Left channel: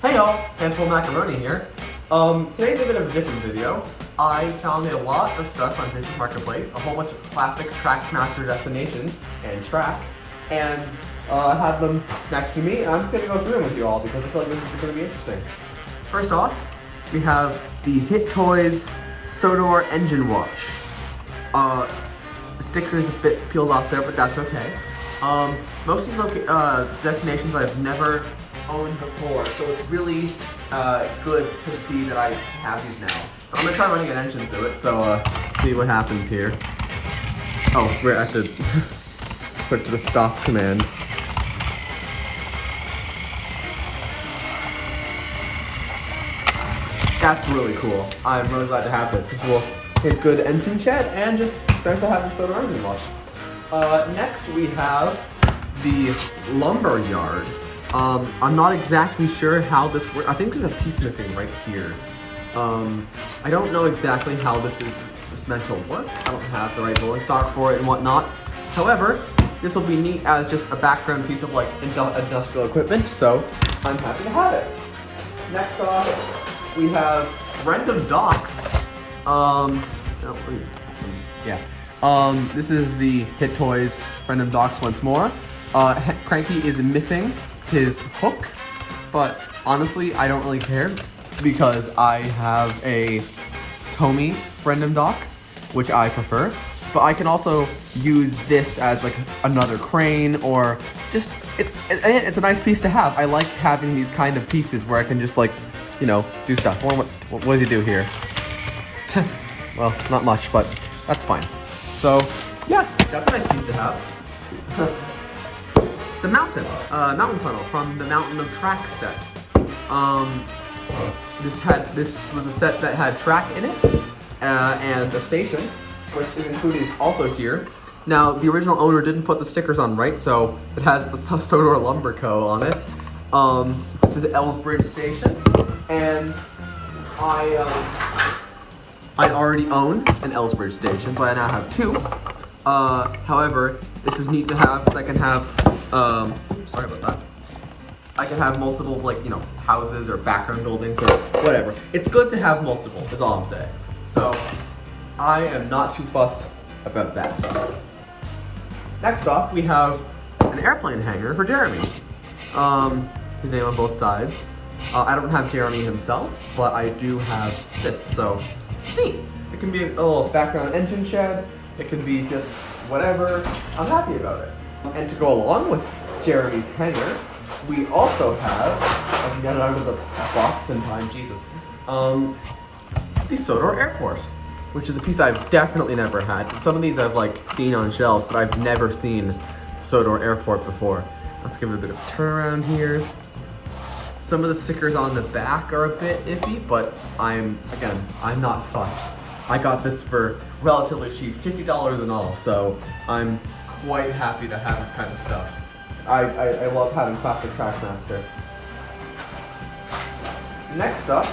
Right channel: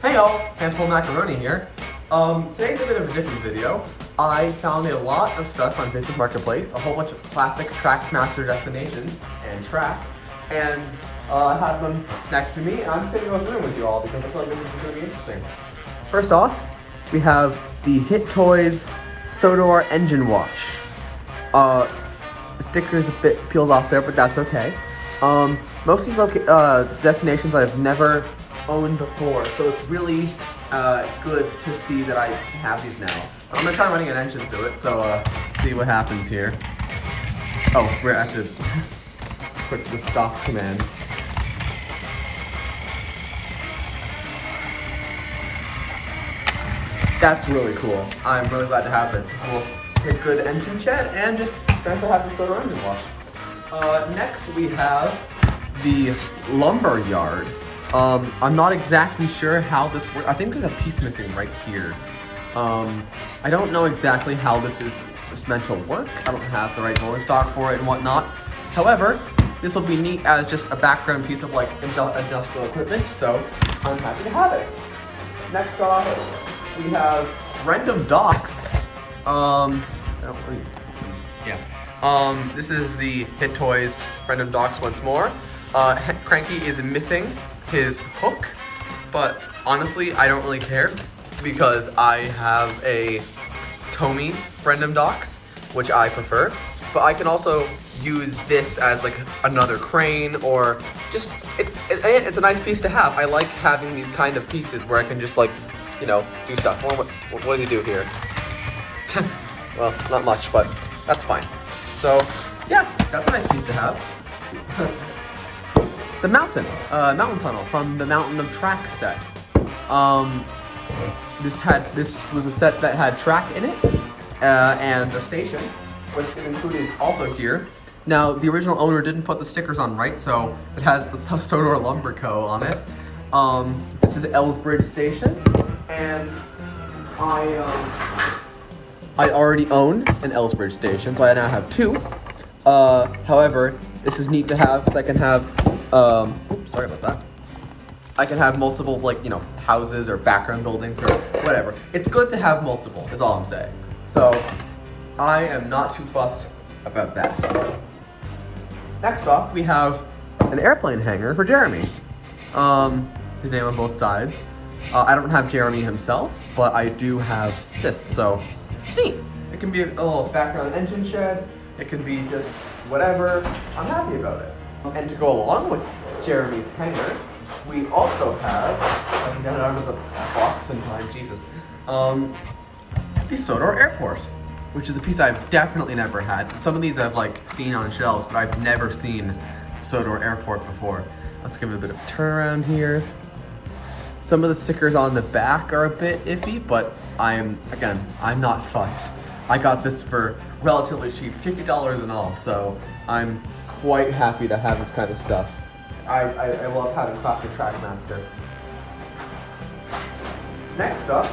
Hey y'all, Handful Macaroni here. Today's a bit of a different video. I found a lot of stuff on Facebook Marketplace, a whole bunch of classic Trackmaster destinations and track, and I have them next to me, and I'm just going to go through them with you all because I feel like this is going to be interesting. First off, we have the Hit Toys Sodor Engine Watch. The sticker is a bit peeled off there, but that's okay. Most of these destinations I've never owned before, so it's really good to see that I have these now. So I'm gonna try running an engine through it, so see what happens here. Oh, where I should put the stop command. That's really cool. I'm really glad to have this. This will be a good engine check and just nice to have this around the watch. Next we have the lumber yard. I'm not exactly sure how this works. I think there's a piece missing right here. I don't know exactly how this is meant to work. I don't have the right rolling stock for it and whatnot. However, this will be neat as just a background piece of like industrial equipment, so I'm happy to have it. Next off, we have Random Docks. This is the Hit Toys Random Docks once more. Cranky is missing his hook, but honestly, I don't really care because I have a Tomy Random Docks, which I prefer. But I can also use this as like another crane, or just it's a nice piece to have. I like having these kind of pieces where I can just like, you know, do stuff. What does he do here? Well, not much, but that's fine. So yeah, that's a nice piece to have. The mountain tunnel from the Mountain of Track set. This was a set that had track in it, and a station, which is included also here. Now, the original owner didn't put the stickers on right, so it has the Sodor Lumber Co. on it. This is Ellsbridge Station, and I already own an Ellsbridge Station, so I now have two. However, this is neat to have because I can have, sorry about that. I can have multiple, like, you know, houses or background buildings or whatever. It's good to have multiple, is all I'm saying. So, I am not too fussed about that. Next off, we have an airplane hangar for Jeremy. His name on both sides. I don't have Jeremy himself, but I do have this, so neat. It can be a little background engine shed. It can be just whatever. I'm happy about it. And to go along with Jeremy's hangar, we also have, I can get it out of the box in time, Jesus, the Sodor Airport, which is a piece I've definitely never had. Some of these I've like seen on shelves, but I've never seen Sodor Airport before. Let's give it a bit of a turnaround here. Some of the stickers on the back are a bit iffy, but I'm not fussed. I got this for relatively cheap, $50 and all, so I'm quite happy to have this kind of stuff. I love having classic Trackmaster. Next up,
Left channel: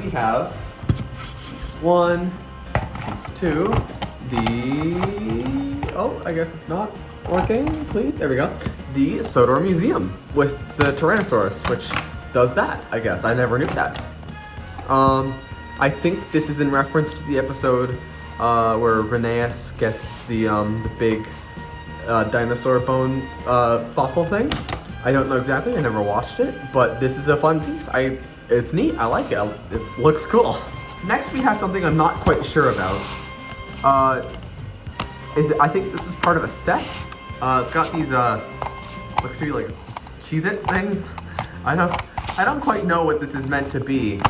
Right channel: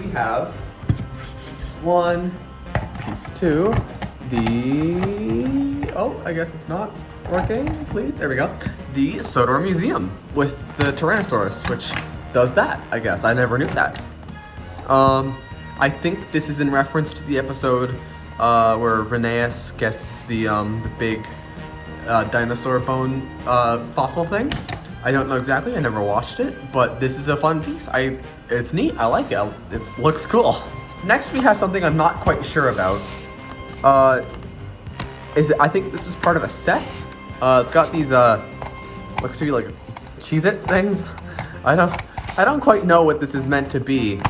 we have piece one, piece two, I guess it's not working, please, there we go. The Sodor Museum with the Tyrannosaurus, which does that, I guess. I never knew that. I think this is in reference to the episode where Rheneas gets the big dinosaur bone fossil thing. I don't know exactly, I never watched it, but this is a fun piece. It's neat, I like it. It looks cool. Next we have something I'm not quite sure about. I think this is part of a set. It's got these looks to be like Cheez-It things. I don't quite know what this is meant to be.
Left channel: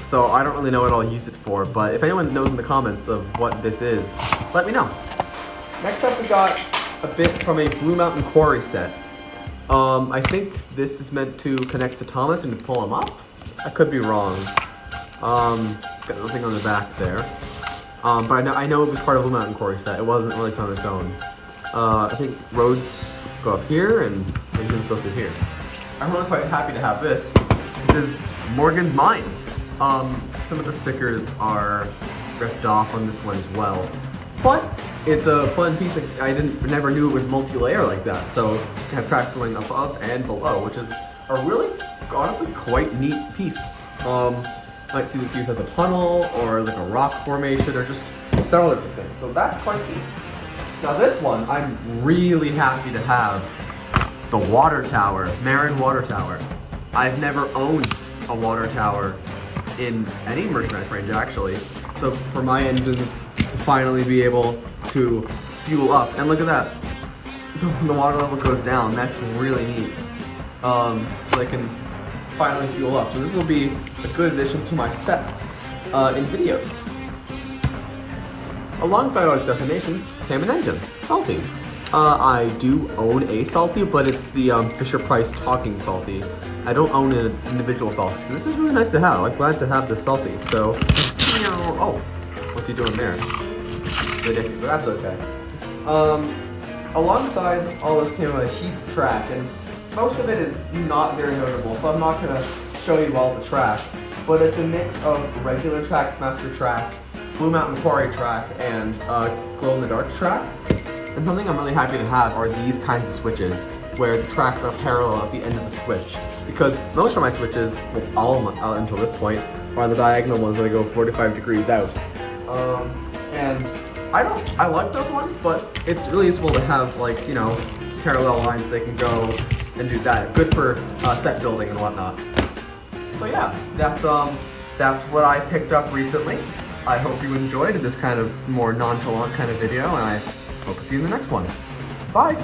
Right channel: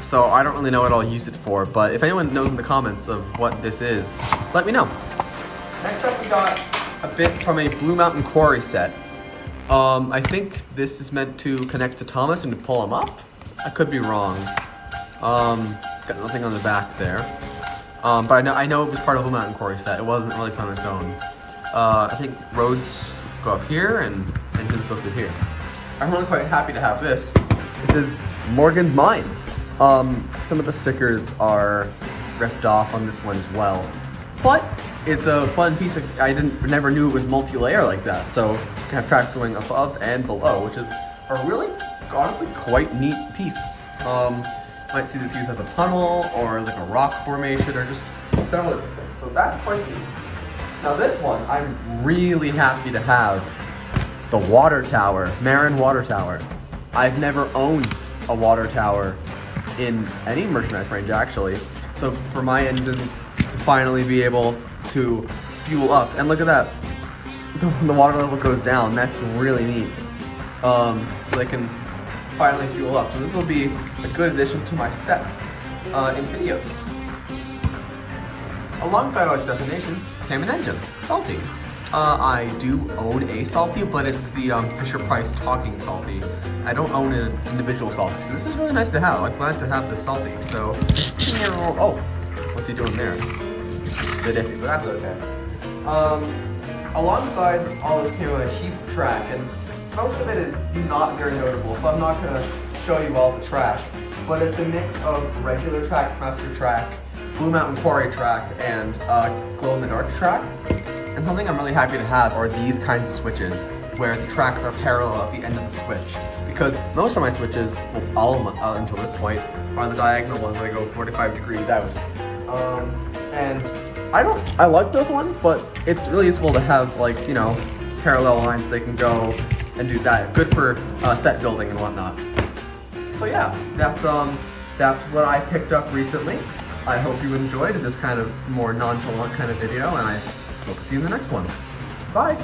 So I don't really know what I'll use it for, but if anyone knows in the comments of what this is, let me know. Next up we got a bit from a Blue Mountain Quarry set. I think this is meant to connect to Thomas and to pull him up. I could be wrong. Got nothing on the back there. But I know it was part of the Blue Mountain Quarry set. It wasn't really on its own. I think roads go up here and engines go through here. I'm really quite happy to have this. This is Morgan's Mine. Some of the stickers are ripped off on this one as well. but it's a fun piece of, never knew it was multi-layer like that. So you have tracks going above and below, which is a really, honestly, quite neat piece. Might see this used as a tunnel or like a rock formation or just several different things. So that's quite neat. Now this one, I'm really happy to have the water tower, Marin water tower. I've never owned a water tower in any merchandise range actually. So for my engines to finally be able to fuel up, and look at that, the water level goes down. That's really neat. So they can finally fuel up. So this will be a good addition to my sets in videos. Alongside all these destinations came an engine, Salty. I do own a Salty, but it's the Fisher-Price Talking Salty. I don't own an individual Salty, so this is really nice to have. I'm glad to have this Salty. So, oh, what's he doing there? But that's okay. Alongside all this came a heap track, and most of it is not very notable, so I'm not going to show you all the track. But it's a mix of regular Trackmaster track, Blue Mountain Quarry track, and Glow in the Dark track. And something I'm really happy to have are these kinds of switches, where the tracks are parallel at the end of the switch. Because most of my switches, well, all of them until this point, are the diagonal ones that go 45 degrees out. And I like those ones, but it's really useful to have, like, you know, parallel lines they can go and do that. Good for set building and whatnot. So yeah, that's what I picked up recently. I hope you enjoyed this kind of more nonchalant kind of video, and I hope to see you in the next one. Bye!